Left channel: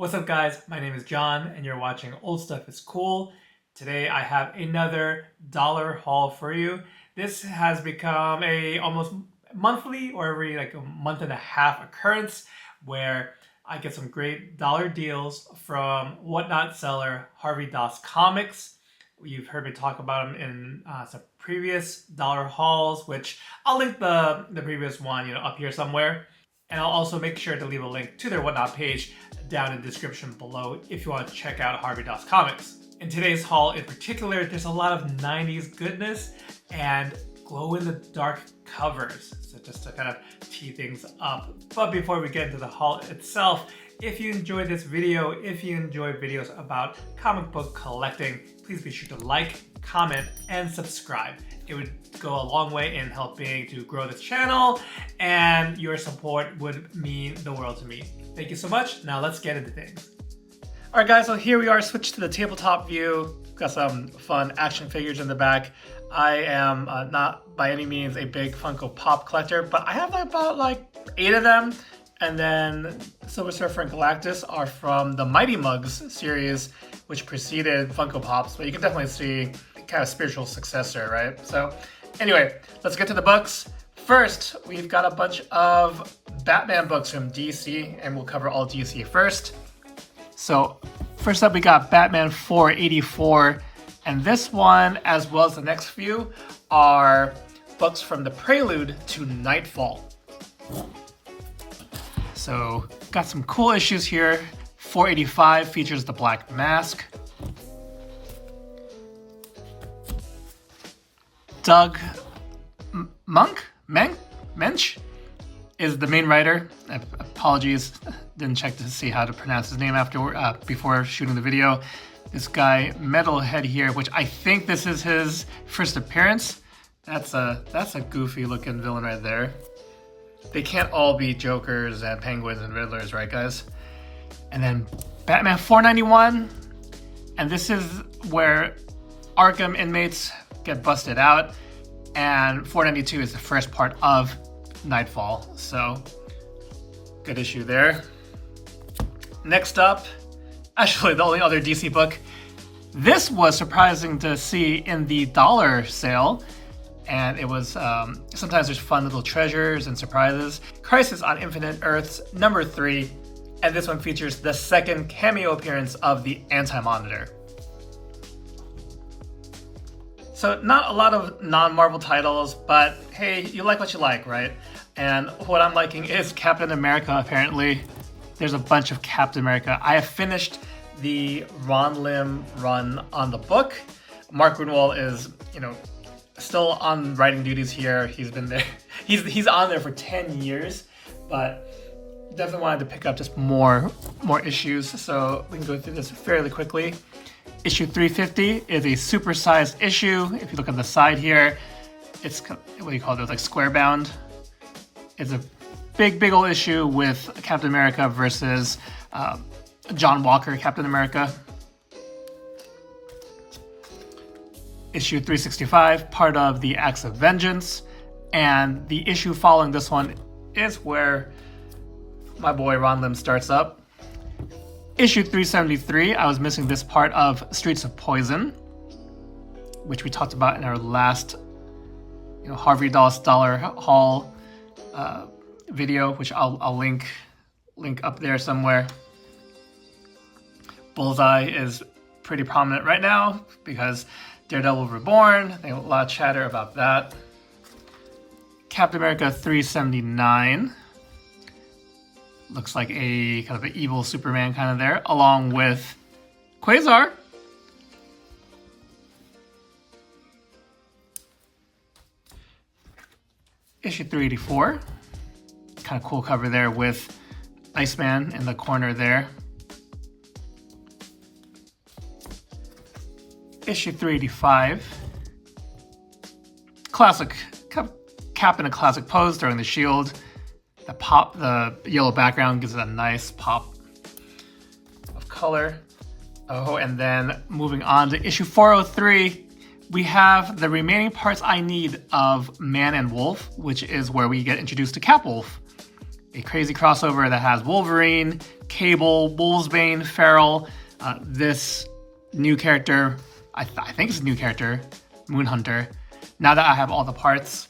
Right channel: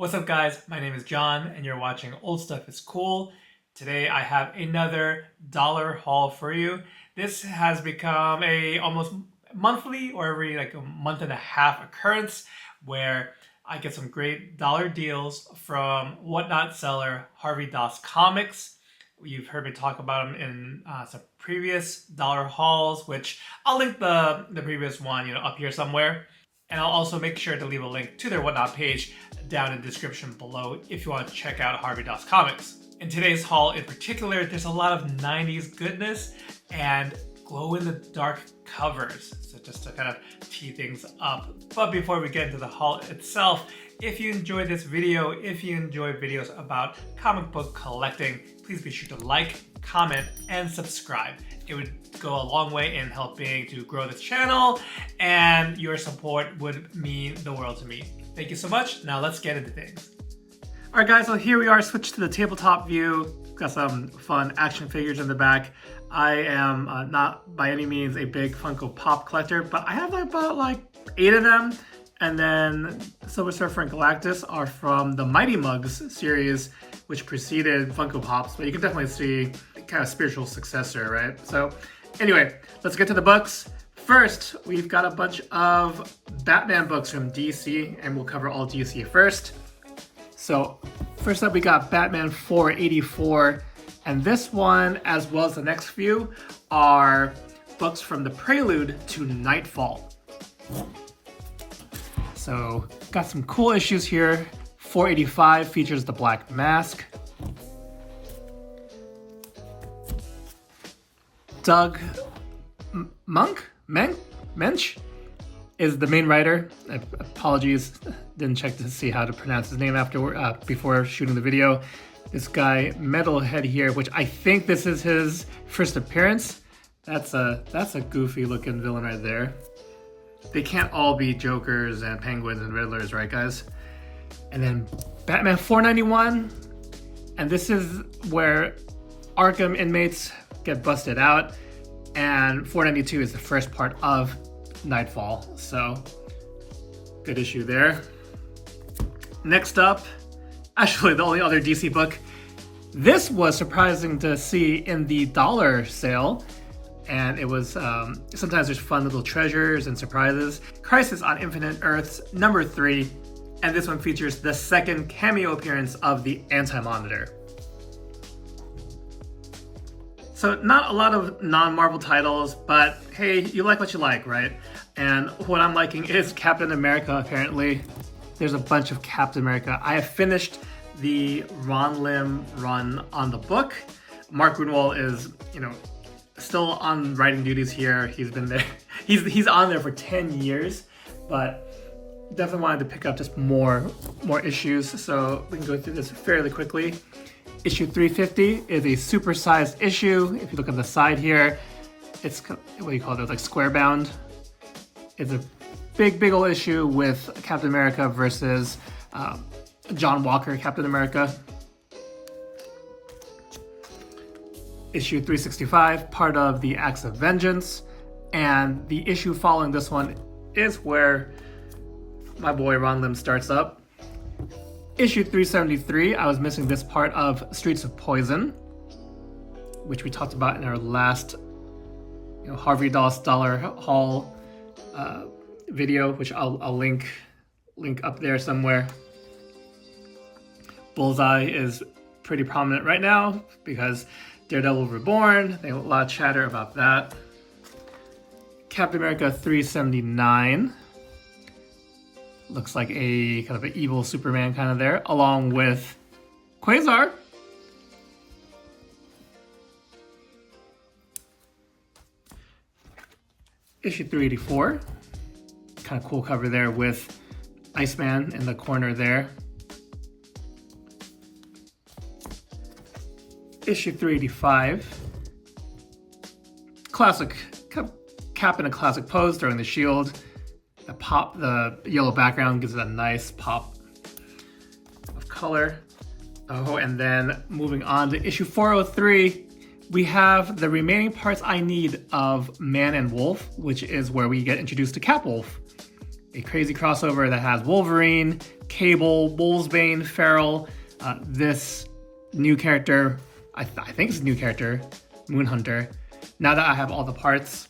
What's up guys, my name is John and you're watching Old Stuff is Cool. Today I have another dollar haul for you. This has become a almost monthly or every like a month and a half occurrence where I get some great dollar deals from whatnot seller Harvey Doss Comics. You've heard me talk about them in some previous dollar hauls, which I'll link the previous one up here somewhere. And I'll also make sure to leave a link to their whatnot page down in the description below if you want to check out Harvey Doss Comics. In today's haul in particular, there's a lot of 90s goodness and glow-in-the-dark covers. So just to kind of tee things up. But before we get into the haul itself, if you enjoyed this video, if you enjoy videos about comic book collecting, please be sure to like, comment, and subscribe. It would go a long way in helping to grow this channel, and your support would mean the world to me. Thank you so much. Now let's get into things. All right guys, so here we are, switched to the tabletop view. Got some fun action figures in the back. I am not by any means a big Funko Pop collector, but I have about 8 of them. And then Silver Surfer and Galactus are from the Mighty Mugs series, which preceded Funko Pops, but you can definitely see kind of spiritual successor, right? So anyway, let's get to the books. First, we've got a bunch of Batman books from DC, and we'll cover all DC first. So first up, we got Batman 484, and this one, as well as the next few, are books from the prelude to Nightfall. So got some cool issues here. 485 features the Black Mask. Doug Mensch is the main writer. Apologies, didn't check to see how to pronounce his name before shooting the video. This guy, Metalhead here, which I think this is his first appearance. That's a goofy looking villain right there. They can't all be Jokers and Penguins and Riddlers, right guys? And then Batman 491, and this is where Arkham inmates get busted out, and 492 is the first part of Nightfall, so good issue there. Next up, actually the only other DC book, this was surprising to see in the dollar sale, and it was sometimes there's fun little treasures and surprises. Crisis on Infinite Earths number 3, and this one features the second cameo appearance of the Anti-Monitor. So not a lot of non-Marvel titles, but hey, you like what you like, right? And what I'm liking is Captain America, apparently. There's a bunch of Captain America. I have finished the Ron Lim run on the book. Mark Grunwald is, still on writing duties here. He's been there. He's on there for 10 years, but definitely wanted to pick up just more issues. So we can go through this fairly quickly. Issue 350 is a supersized issue. If you look on the side here, it's what do you call those, like square bound. It's a big old issue with Captain America versus John Walker Captain America. Issue 365, part of the Acts of Vengeance, and the issue following this one is where my boy Ron Lim starts up. Issue 373, I was missing this part of Streets of Poison, which we talked about in our last Harvey Doss Dollar Haul video, which I'll link up there somewhere. Bullseye is pretty prominent right now because Daredevil Reborn, they have a lot of chatter about that. Captain America 379. Looks like a kind of an evil Superman kind of there, along with Quasar. Issue 384. Kind of cool cover there with Iceman in the corner there. Issue 385. Classic Cap in a classic pose during the Shield. The yellow background gives it a nice pop of color. Oh, and then moving on to issue 403, we have the remaining parts I need of Man and Wolf, which is where we get introduced to Capwolf. a crazy crossover that has Wolverine, Cable, Wolvesbane, Feral, this new character, I think it's a new character, Moonhunter. Now that I have all the parts,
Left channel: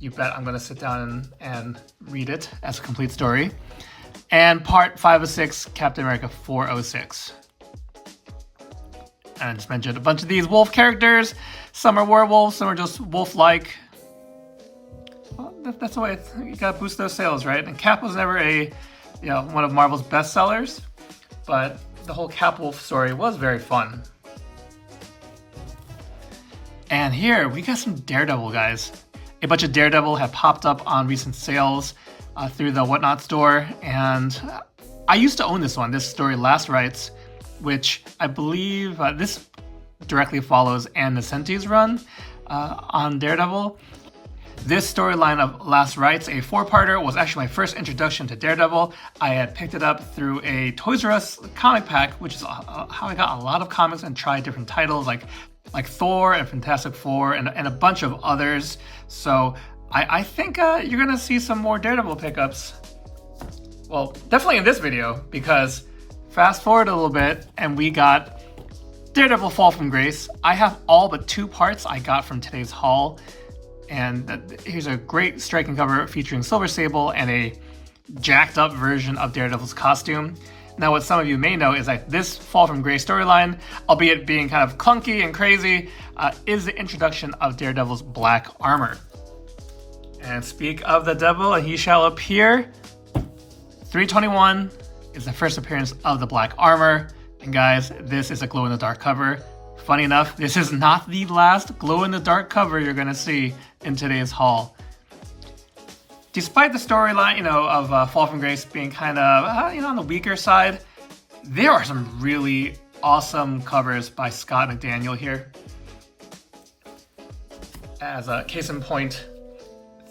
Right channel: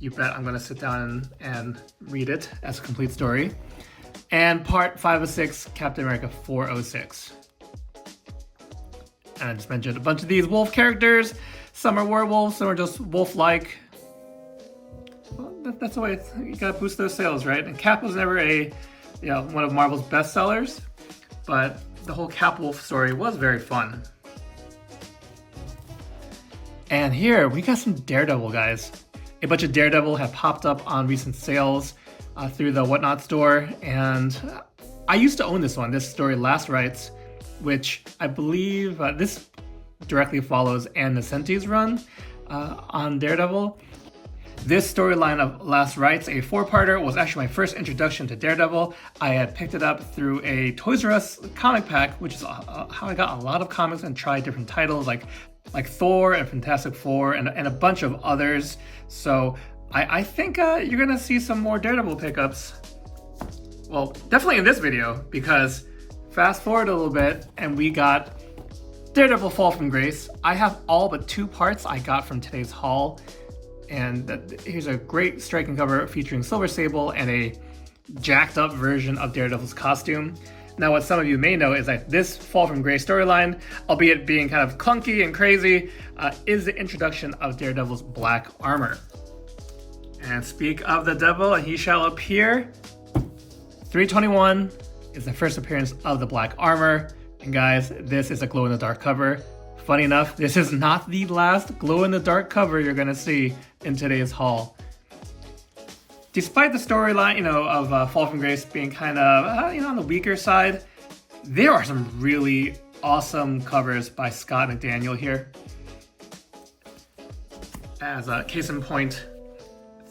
you bet I'm going to sit down and read it as a complete story. And part 506, Captain America 406. And I just mentioned a bunch of these wolf characters. Some are werewolves, some are just wolf-like. Well, that's the way you gotta boost those sales, right? And Cap was never one of Marvel's best sellers, but the whole Cap Wolf story was very fun. And here we got some Daredevil, guys. A bunch of Daredevil have popped up on recent sales through the Whatnot store, and I used to own this one, this story Last Rites, which I believe this directly follows Ann Nesenti's run on Daredevil. This storyline of Last Rites, a 4-parter, was actually my first introduction to Daredevil. I had picked it up through a Toys R Us comic pack, which is how I got a lot of comics and tried different titles like Thor and Fantastic Four and a bunch of others. So I think you're gonna see some more Daredevil pickups. Well, definitely in this video, because fast forward a little bit and we got Daredevil Fall from Grace. I have all but 2 parts I got from today's haul. And here's a great striking cover featuring Silver Sable and a jacked up version of Daredevil's costume. Now, what some of you may know is that this Fall from Grace storyline, albeit being kind of clunky and crazy, is the introduction of Daredevil's black armor. And speak of the devil, he shall appear. 321 is the first appearance of the black armor. And guys, this is a glow-in-the-dark cover. Funny enough, this is not the last glow-in-the-dark cover you're gonna see in today's haul. Despite the storyline, of Fall from Grace being kind of, on the weaker side, there are some really awesome covers by Scott McDaniel here. As a case in point,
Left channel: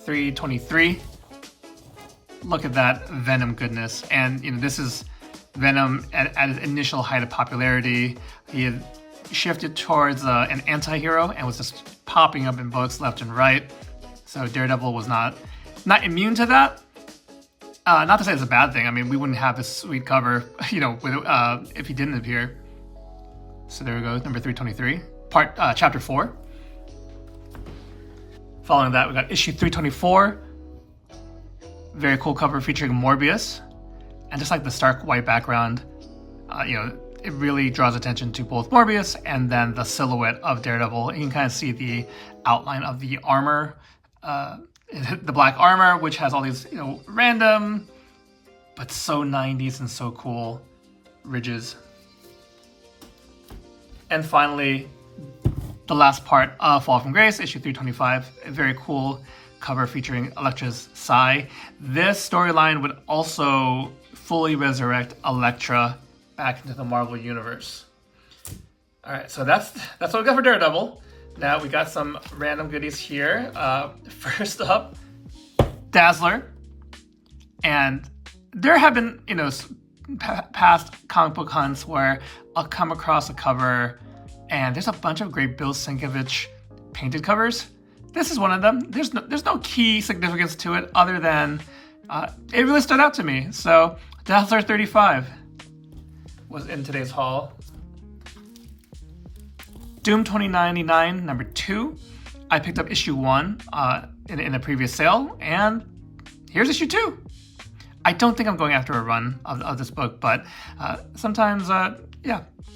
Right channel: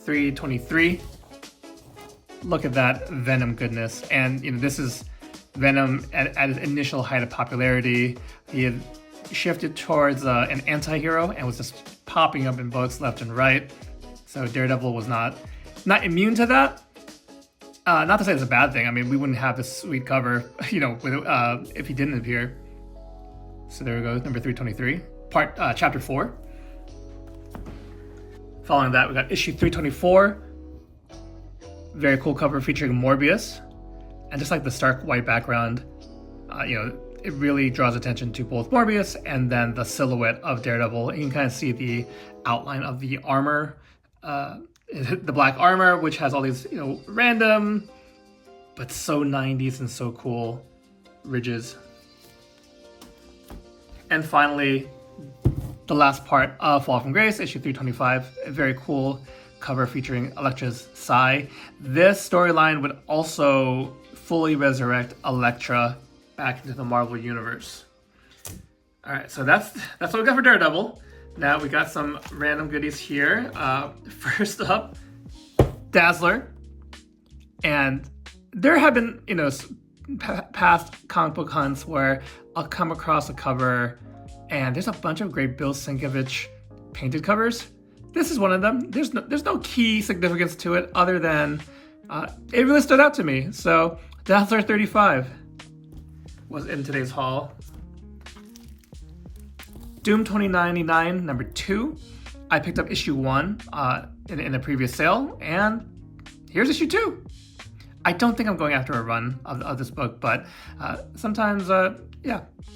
323. Look at that Venom goodness. And, this is Venom at his initial height of popularity. He had shifted towards an anti-hero and was just popping up in books left and right. So Daredevil was not immune to that. Not to say it's a bad thing. I mean, we wouldn't have this sweet cover, if he didn't appear. So there we go, number 323, chapter 4. Following that, we got issue 324. Very cool cover featuring Morbius. And just like the stark white background, it really draws attention to both Morbius and then the silhouette of Daredevil. You can kind of see the outline of the armor, the black armor, which has all these, random, but so 90s and so cool ridges. And finally, the last part of Fall from Grace, issue 325, a very cool cover featuring Elektra's Sigh. This storyline would also fully resurrect Elektra back into the Marvel Universe. All right, so that's what we got for Daredevil. Now we got some random goodies here. First up, Dazzler. And there have been, past comic book hunts where I'll come across a cover and there's a bunch of great Bill Sienkiewicz painted covers. This is one of them. There's no key significance to it other than it really stood out to me. So Dazzler 35 was in today's haul. Doom 2099 number 2. I picked up issue 1 in a previous sale, and here's issue 2. I don't think I'm going after a run of this book, but sometimes,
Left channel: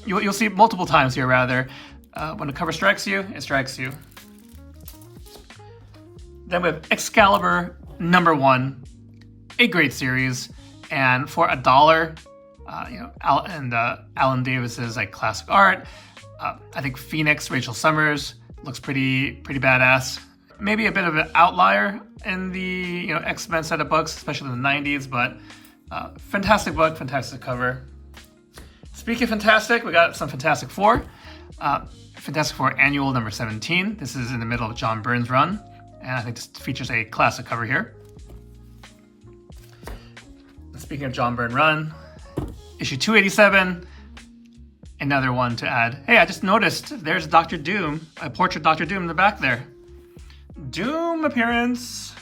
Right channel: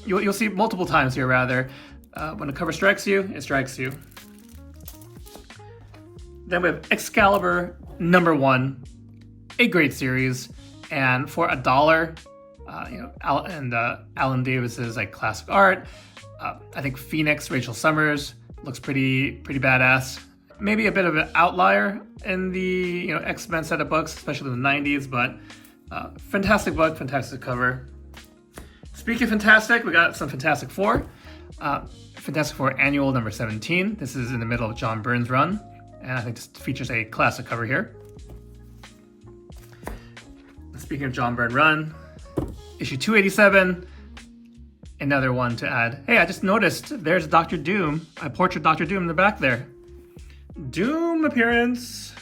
you'll see multiple times here rather. When the cover strikes you, it strikes you. Then we have Excalibur number 1, a great series, and for $1, Alan Davis's classic art. I think Phoenix, Rachel Summers, looks pretty badass. Maybe a bit of an outlier in the X-Men set of books, especially in the 90s, but fantastic book, fantastic cover. Speaking of fantastic, we got some Fantastic Four. Fantastic Four Annual number 17. This is in the middle of John Byrne's run, and I think this features a classic cover here. Speaking of John Byrne run, issue 287, another one to add. Hey, I just noticed there's Dr. Doom, a portrait of Dr. Doom in the back there. Doom appearance.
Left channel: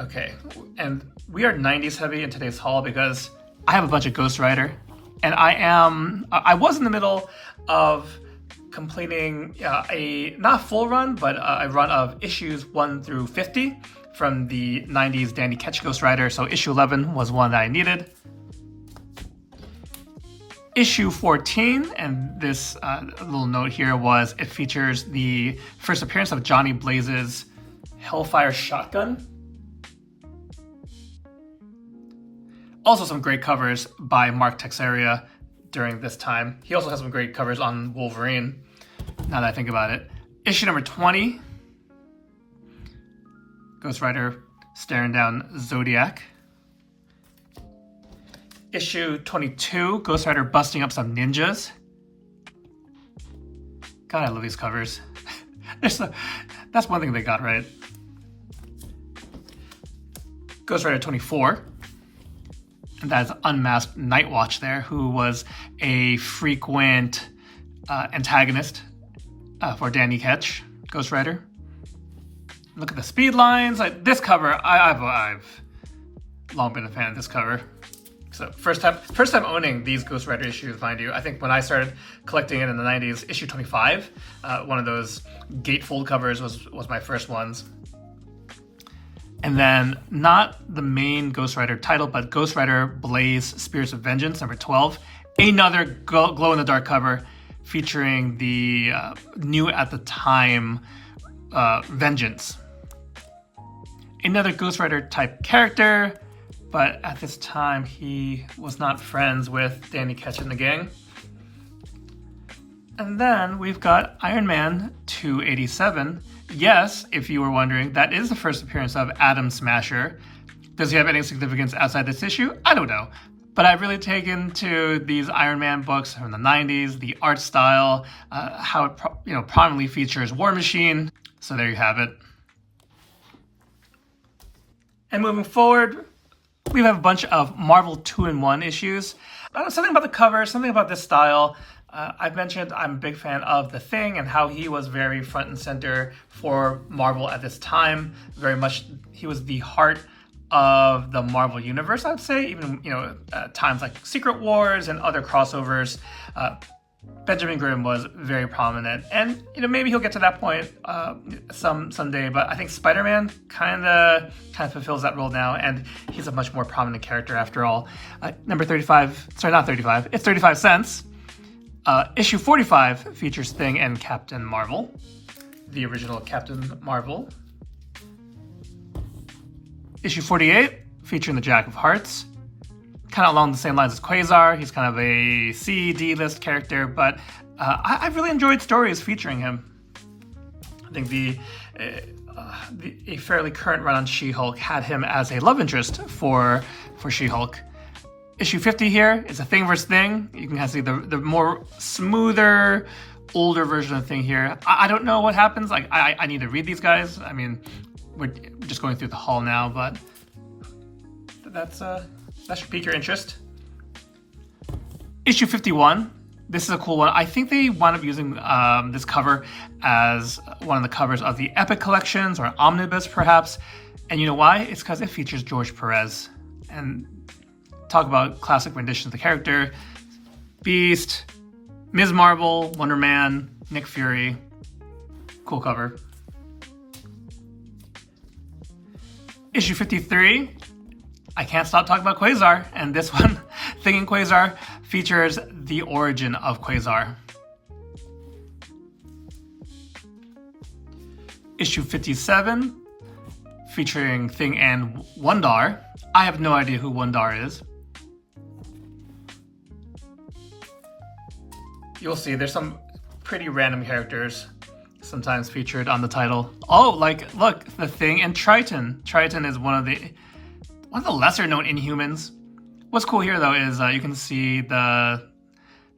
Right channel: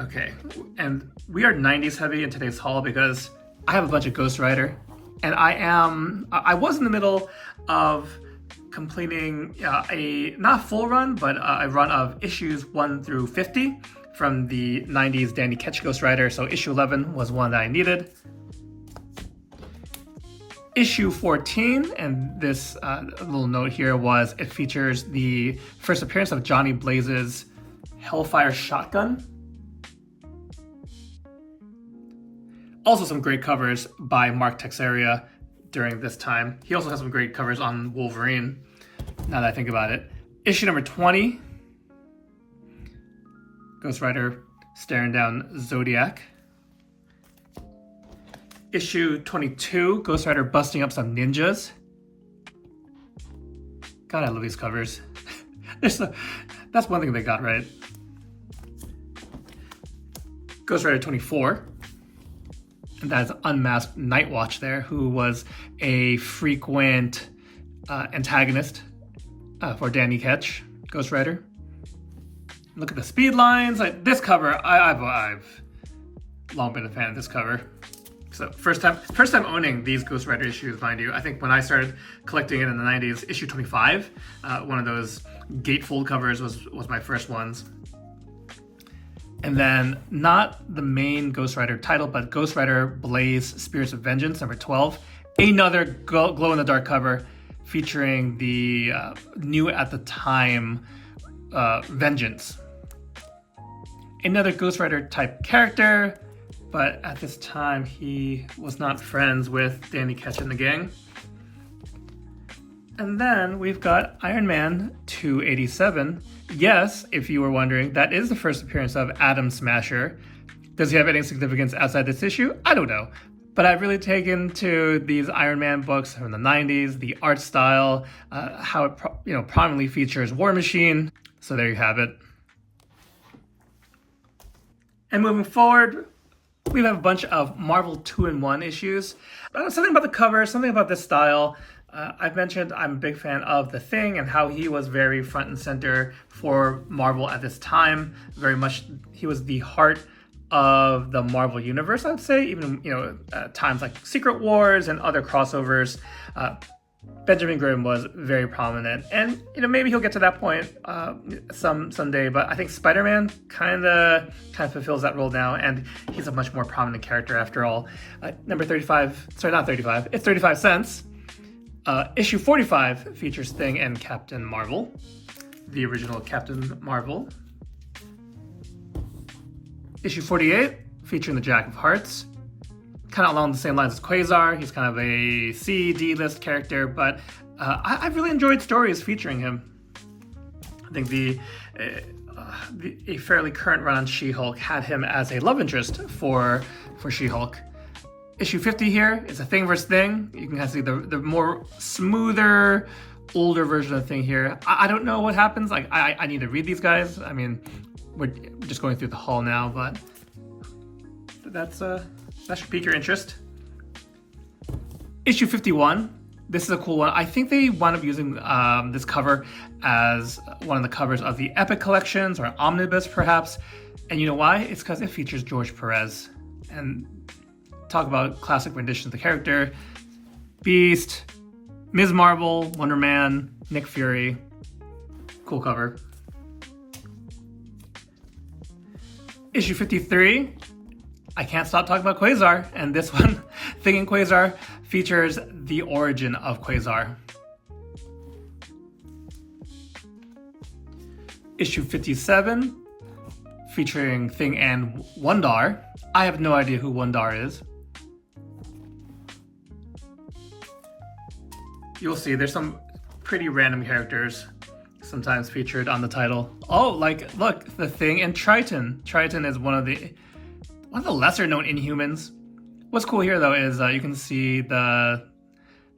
Okay, and we are 90s heavy in today's haul because I have a bunch of Ghost Rider, and I was in the middle of completing a not full run, but a run of issues 1 through 50 from the 90s Danny Ketch Ghost Rider. So issue 11 was one that I needed. Issue 14, and this little note here was it features the first appearance of Johnny Blaze's Hellfire Shotgun. Also some great covers by Mark Texeira during this time. He also has some great covers on Wolverine, now that I think about it. Issue number 20, Ghost Rider staring down Zodiac. Issue 22, Ghost Rider busting up some ninjas. God, I love these covers. That's one thing they got right. Ghost Rider 24. And that is Unmasked Nightwatch there, who was a frequent antagonist for Danny Ketch, Ghost Rider. Look at the speed lines. Like this cover, I've long been a fan of this cover. So first time owning these Ghost Rider issues, mind you. I think when I started collecting it in the 90s, issue 25, one of those gatefold covers was my first ones. And then not the main Ghost Rider title, but Ghost Rider Blaze Spirits of Vengeance, number 12. Another glow-in-the-dark cover featuring the new at the time Vengeance. Another Ghost Rider type character, but at this time he was not friends with Danny Ketch and the gang. And then we've got Iron Man 287. Yes, if you were wondering, that is the first appearance of Atom Smasher. Does he have any significance outside this issue? I don't know. But I've really taken to these Iron Man books from the 90s, the art style, how it prominently features War Machine. So there you have it. And moving forward, we have a bunch of Marvel 2-in-1 issues. Something about the cover, something about this style. I've mentioned I'm a big fan of The Thing and how he was very front and center for Marvel at this time. Very much, he was the heart of the Marvel universe, I'd say. Even, times like Secret Wars and other crossovers. Benjamin Grimm was very prominent, and maybe he'll get to that point someday. But I think Spider-Man kind of fulfills that role now, and he's a much more prominent character after all. Number 35, sorry, not 35. It's 35 cents. Issue 45 features Thing and Captain Marvel, the original Captain Marvel. Issue 48 featuring the Jack of Hearts. Kind of along the same lines as Quasar. He's kind of a C/D list character, but I've really enjoyed stories featuring him. I think a fairly current run on She-Hulk had him as a love interest for She-Hulk. Issue 50 here is a Thing vs. Thing. You can kind of see the more smoother, older version of Thing here. I don't know what happens. Like I need to read these guys. I mean, we're just going through the haul now, but that should pique your interest. Issue 51. This is a cool one. I think they wound up using this cover as one of the covers of the Epic collections or Omnibus, perhaps. And you know why? It's because it features George Perez. And talk about classic renditions of the character. Beast, Ms. Marvel, Wonder Man, Nick Fury. Cool cover. Issue 53. I can't stop talking about Quasar, and this one, Thing and Quasar, features the origin of Quasar. Issue 57, featuring Thing and Wundar. I have no idea who Wundar is. You'll see, there's some pretty random characters sometimes featured on the title. Oh, like, look, The Thing and Triton. Triton is one of the lesser known Inhumans. What's cool here though is you can see the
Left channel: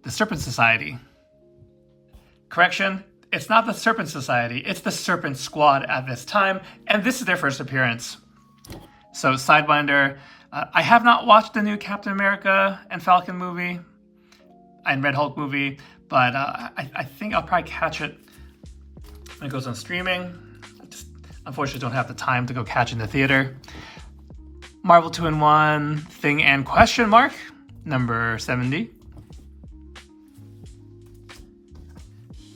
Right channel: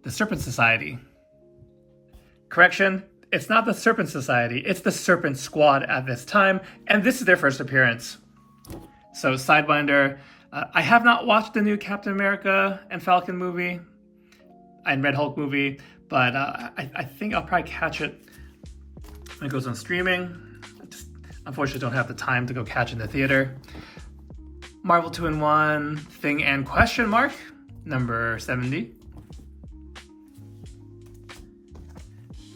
Serpent Society. Correction, it's not the Serpent Society, it's the Serpent Squad at this time, and this is their first appearance. So Sidewinder, I have not watched the new Captain America and Falcon movie and Red Hulk movie, but I think I'll probably catch it when it goes on streaming. I just unfortunately don't have the time to go catch it in the theater. Marvel 2-in-1 Thing and Question Mark, number 70.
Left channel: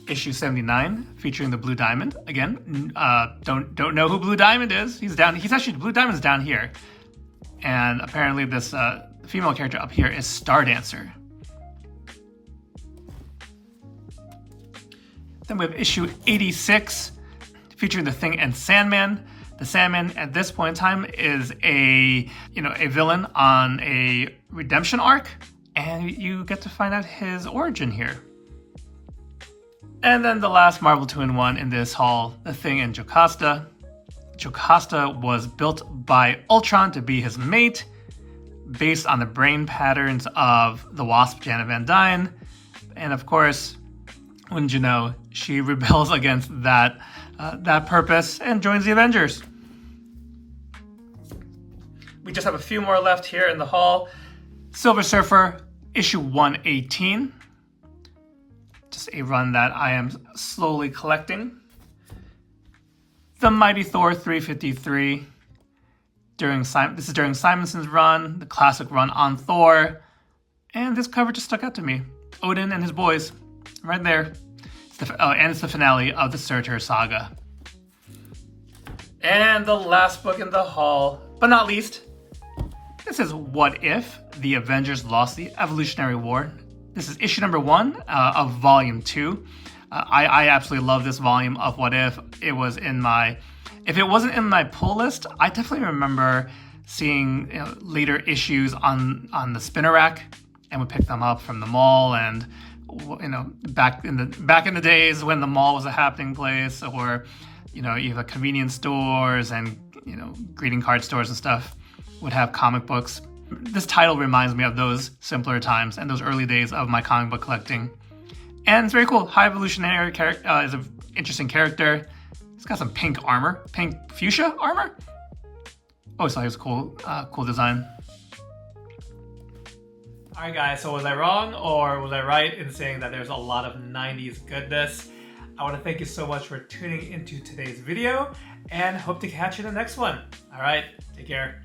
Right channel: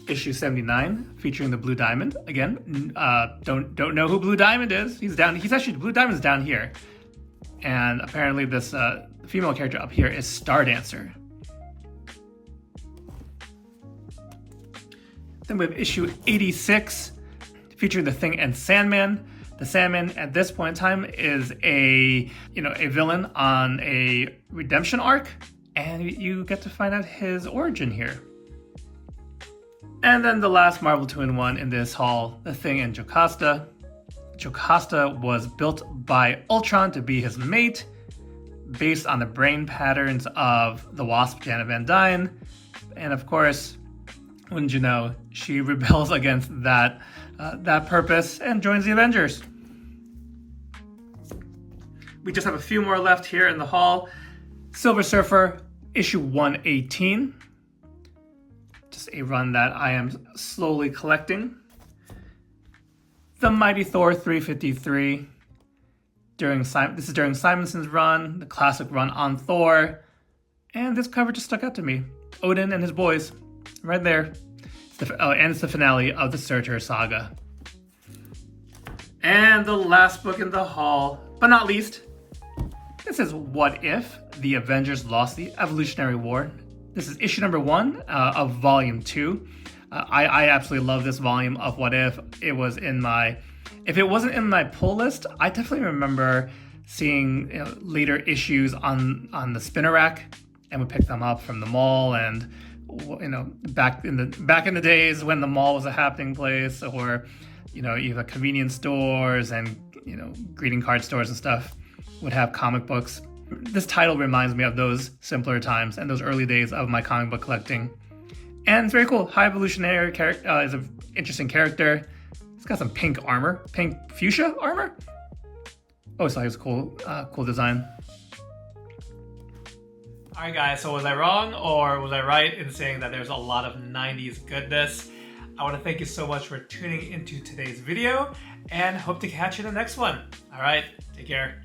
Issue 79, featuring the Blue Diamond. Again, don't know who Blue Diamond is. He's actually, Blue Diamond's down here. And apparently this female character up here is Star Dancer. Then we have issue 86, featuring the Thing and Sandman. The Sandman at this point in time is a villain on a redemption arc, and you get to find out his origin here. And then the last Marvel 2-in-1 in this haul, the Thing and Jocasta. Jocasta was built by Ultron to be his mate, based on the brain patterns of the Wasp Janet Van Dyne. And of course, wouldn't you know, she rebels against that purpose and joins the Avengers. We just have a few more left here in the haul. Silver Surfer, issue 118. Just a run that I am slowly collecting. The Mighty Thor 353. This is during Simonson's run, the classic run on Thor. And this cover just stuck out to me. Odin and his boys, right there. And it's the finale of the Surtur saga. And the last book in the haul, but not least, this is What If the Avengers Lost the Evolutionary War. This is issue number 1 of volume 2. I absolutely love this volume of What If. If it wasn't in my pull list, I definitely remember seeing later issues on the spinner rack, and would pick them up from the mall. And back in the days when the mall was a happening place, or either convenience stores and greeting card stores and stuff would have comic books. This title reminds me of those simpler times and those early days of my comic book collecting. And it's very cool. High Evolutionary character is an interesting character. He's got some pink armor, pink fuchsia armor. Always thought he was cool design. All right, guys. So was I wrong or was I right in saying that there's a lot of 90s goodness? I want to thank you so much for tuning into today's video, and hope to catch you in the next one. All right, take care.